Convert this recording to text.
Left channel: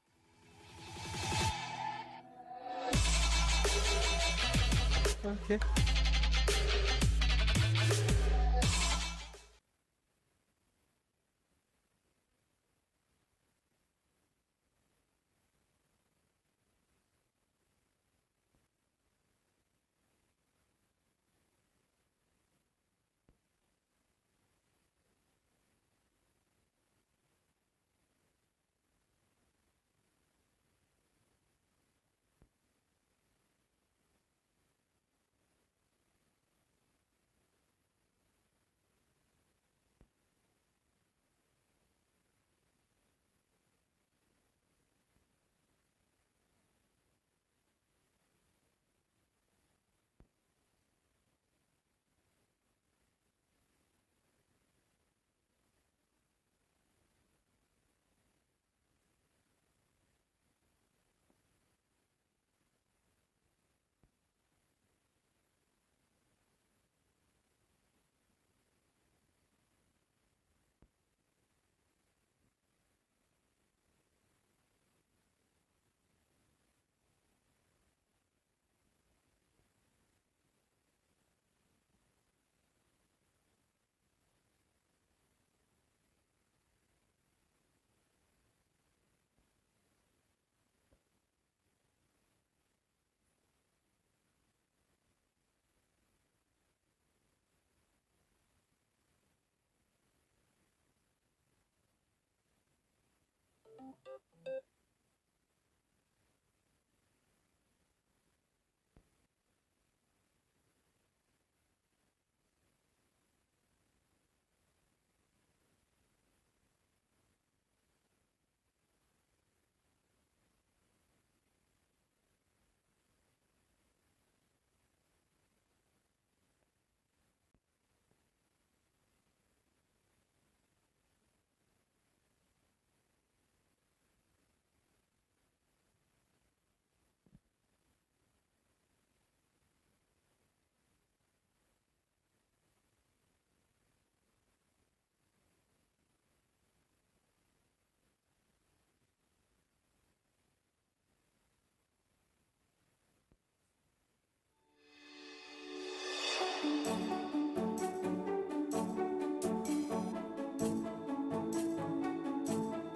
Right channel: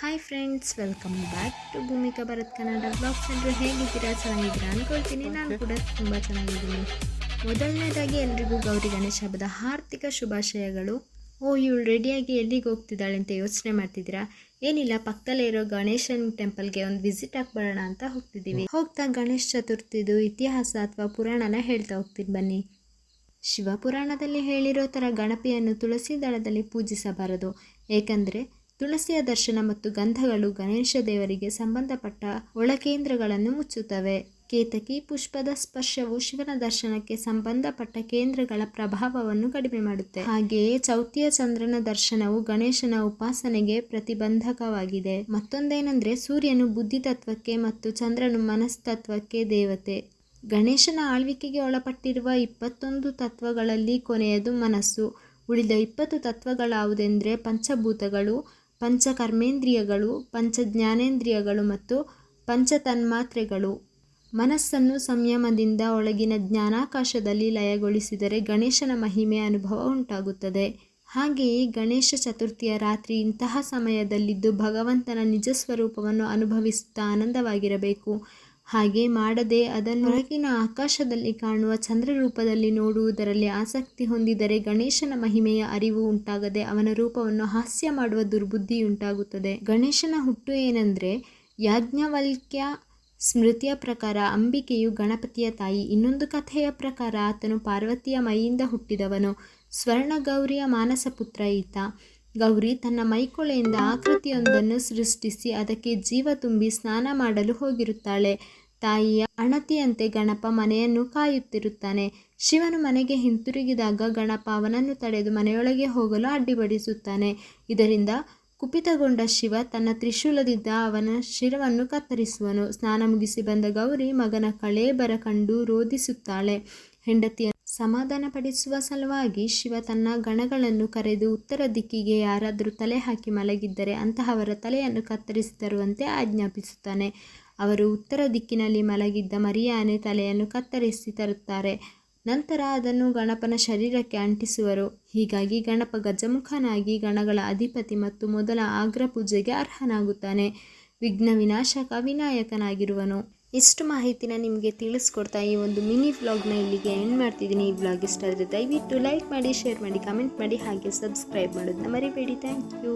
Hi friends, welcome back to Bhoomika Bharat Kannada blogs. ಎಲ್ಲರೂ ಹೇಗಿದ್ದೀರಾ? ಚೆನ್ನಾಗಿದ್ದೀರಾ ಅನ್ಕೊಳ್ತೀನಿ. ನಾನು ಕೂಡ ತುಂಬ ಚೆನ್ನಾಗಿದ್ದೀನಿ. ಮೊದಲನೇದಾಗಿ ಎಲ್ರಿಗೂ ಗೌರಿ ಗಣೇಶ ಹಬ್ಬದ ಆರ್ಥಿಕ ಶುಭಾಶಯಗಳು. ಇವಳು ರೆಡಿಯಾಗಿ ಎಲ್ಲಿಗೆ ಹೋಗ್ತಿದ್ದಾಳೆ ಅಂತ ಯೋಚನೆ ಮಾಡ್ತಿದ್ದೀರಾ? ಏನಿಲ್ಲ, ಪಕ್ಕದಲ್ಲೇ ಇರೋ ಗಣೇಶನ್ ಟೆಂಪಲ್ಗೆ ಒಂದು ವಿಸಿಟ್ ಹಾಕ್ಬರೋಣ ಅಂತ ಹೋಗ್ತಿದ್ದೀವಿ. ಹೋಗ್ತಾ ಗಣೇಶ ಚತುರ್ಥಿದು ಇತಿಹಾಸ ಅಥವಾ ಪುರಾಣನ ಹೇಳ್ತಾ ಹೋಗ್ತೀನಿ ಬನ್ನಿ. ಶಿವಪುರಾಣದಲ್ಲಿ ಹೇಳಿರೋ ಥರ ಗಣಪತಿಯನ್ನು ತುಳಸಿ ದಳದಲ್ಲಿ ಪೂಜಿಸಬಾರದು. ಏಕೆಂದರೆ ತುಳಸಿಯ ದರ್ಶನ ಮತ್ತು ಗಂಧಗಳು ಗಣೇಶ ದೇವರಿಗೆ ಸಂಬಂಧಪಟ್ಟ ಒಳಕೇಂದ್ರಗಳನ್ನು ಮುಚ್ಚುತ್ತವೆ. ಕೇತಕಿ ಪುಷ್ಪದ ಸ್ಪರ್ಶವು ಶಿವನ ದರ್ಶನಕ್ಕೆ ಸಂಬಂಧಪಟ್ಟ ಕೇಂದ್ರಗಳ ಪ್ರಭಾವವನ್ನು ಕಡಿಮೆ ಮಾಡುತ್ತೆ. ಹಾಗೆಯೇ ಚೌತಿಯ ಚಂದ್ರನ ದರ್ಶನವು ಗಣೇಶನ ಉಪಾಸನೆಗೆ ಪ್ರತಿಬಂಧಕವಾಗಿದೆ. ಮತ್ತೊಂದೇನೆಂದರೆ ಸೂರ್ಯನು ಬುದ್ಧಿತತ್ವಕ್ಕೆ ಮತ್ತು ಚಂದ್ರನು ಮನಸ್ತತ್ವಕ್ಕೆ ದೇವತೆ. ಗಣೇಶನ ಆಳ್ವಿಕೆಗೆ ಒಳಪಟ್ಟಿರುವ 21 ತತ್ವಗಳಲ್ಲಿ ಕೊನೆಯದು ಮನಸ್ಸು. ಉಳಿದ 20 ತತ್ವಗಳಾವುದೆಂದರೆ ಪಂಚಭೂತಗಳು, ಪಂಚಕರ್ಮೇಂದ್ರಿಯಗಳು, ಪಂಚಜ್ಞಾನೇಂದ್ರಿಯಗಳು ಮತ್ತು ಪಂಚತನ್ಮಾತ್ರೆಗಳು. ಮನಸ್ಸನ್ನು ಸಂಯಮದಿಂದ ಒಳಗಿನ ಜ್ಞಾನಾಕಾಶದಲ್ಲಿ ಲಯಗೊಳಿಸಿದರೆ ಗಣೇಶನ ಮಹಿಮೆ ಅನುಭವ ಉಂಟಾಗುತ್ತದೆ. ಹಾಗೆಯೇ ಗಣೇಶ ಚತುರ್ಥಿಯ ರಾತ್ರಿ ಇಂತಹ ಸಮಯದಲ್ಲಿದ್ದು ಭಗವಂತನ ನಿಜ ಸ್ವರೂಪವನ್ನು ಅನುಭವಿಸುತ್ತಾ ಆನಂದವಾಗಿರಬೇಕು. ಹಾಗೆ ಮಾಡದೆ ಅದನ್ನು ಹೊರಗಿನ ಆಕಾಶದಲ್ಲಿ ಕಾಣುವ ಚಂದ್ರರೂಪದಲ್ಲಿ ನೋಡುವುದರಲ್ಲಿ ಆಸಕ್ತಿ ಹೊಂದಿದರೆ ಗಣೇಶನ ಮಹಿಮೆಯ ಅರಿವು ಉಂಟಾಗದೆ ಅವನ ರೂಪವನ್ನು ಹಾಸ್ಯ ಮಾಡುವ ದುರ್ಬುದ್ಧಿಯುಂಟಾಗುತ್ತದೆ. ಗಣೇಶನ ಹುಟ್ಟು ಏನೆಂದರೆ, ಯಾಜ್ಞವಲ್ಕ್ಯ ಸ್ಮೃತಿಯ ಪ್ರಕಾರ ಅಂಬಿಕೆಯು ಗಣಪತಿಯ ತಾಯಿ. ಇನ್ನೊಂದು ಕಥೆಯ ಪ್ರಕಾರ ಆತನು ಪಾರ್ವತಿಯ ಮೈಯಿಂದ ಹುಟ್ಟಿದವನು. ಸ್ವರ್ಣ ಗೌರಿಯ ಮಾನಸ ಪುತ್ರ ಈತ. ಗೌರಿ ತನ್ನ ಮೈಕೊಳೆಯಿಂದ ಆಕೃತಿಯೊಂದನ್ನು ಸೃಷ್ಟಿಸಿ ಅದಕ್ಕೆ ಜೀವ ತುಂಬಿ ಸ್ನಾನ ಮಾಡಲು ಹೋಗಿರುತ್ತಾಳೆ. ತಾಯಿಯ ಅಣತಿಯಂತೆ ಗಣಪ ಮನೆಯನ್ನು ಕಾಯುತ್ತಿರುತ್ತಾನೆ. ಶಿವನು ಮನೆಗೆ ಹಿಂತಿರುಗಿದಾಗ ಗಣಪ ಅವನನ್ನು ತಡೆದು ಮನೆಯೊಳಗೆ ಹೋಗಲು ಅಡ್ಡಿಪಡಿಸುತ್ತಾನೆ. ಇದರಿಂದ ಕುಪಿತಗೊಂಡ ಶಿವ ತನ್ನ ತ್ರಿಶೂಲದಿಂದ ಅವನ ಶಿರವನ್ನು ಕತ್ತರಿಸುವನು. ಸ್ನಾನ ಮುಗಿಸಿ ಬಂದ ಗೌರಿ ಮಗನ ಕಳೇಬರ ಕಂಡು ರೋಧಿಸುತ್ತಾಳೆ. ಹೆಂಡತಿಯನ್ನು ಸಮಾಧಾನಪಡಿಸುವ ಸಲುವಾಗಿ ಶಿವ ತನ್ನ ಗಣಗಳನ್ನು ಕರೆದು ಉತ್ತರ ದಿಕ್ಕಿಗೆ ಯಾರಾದರೂ ತಲೆ ಹಾಕಿ ಮಲಗಿದ್ದರೆ ಅಂತಹವರ ತಲೆಯನ್ನು ಕತ್ತರಿಸಿ ತರುವಂತೆ ಆಜ್ಞಾಪಿಸುತ್ತಾನೆ. ಅವರು ಉತ್ತರ ದಿಕ್ಕಿನಲ್ಲಿ ಮಲಗಿದ್ದ ಮರಿಯಾನೆ ತಲೆಯನ್ನು ಕತ್ತರಿಸಿ ತರುತ್ತಾರೆ. ನಂತರ ಅದನ್ನು ಗಣಪನ ಶರೀರಕ್ಕೆ ಅಂಟಿಸುವರು. ಹೀಗಾಗಿ ಗಣಪ ಗಜಮುಖನಾಗಿ ಗಣಗಳ ಅಧಿಪತಿ ಮತ್ತು ಮೊದಲ ಆಗ್ರ ಪೂಜೆಗೆ ಅರ್ಹನಾಗುತ್ತಾನೆ. ವಿಘ್ನ ವಿನಾಶಕ ವಿನಾಯಕನಾಗಿರುವನು. ಇಷ್ಟು ಮಾಹಿತಿನ ನಿಮಗೆ ತಿಳಿಸ್ಕೊಡ್ತಾ ಈ ಒಂದು ಮಿನಿ ವ್ಲಾಗ್ನ ಇಲ್ಲಿಗೆ ಎಂಡ್ ಮಾಡ್ತಿದ್ದೀನಿ. ಈ ವ್ಲಾಗ್ ಇಷ್ಟ ಆದರೆ ದಯವಿಟ್ಟು ಲೈಕ್ ಮಾಡಿ, ಶೇರ್ ಮಾಡಿ, ಕಮೆಂಟ್ ಮಾಡಿ, ಹಾಗೆ ಸಬ್ಸ್ಕ್ರೈಬ್ ಮಾಡೋದನ್ನ ಮರಿಬೇಡಿ. Thank you.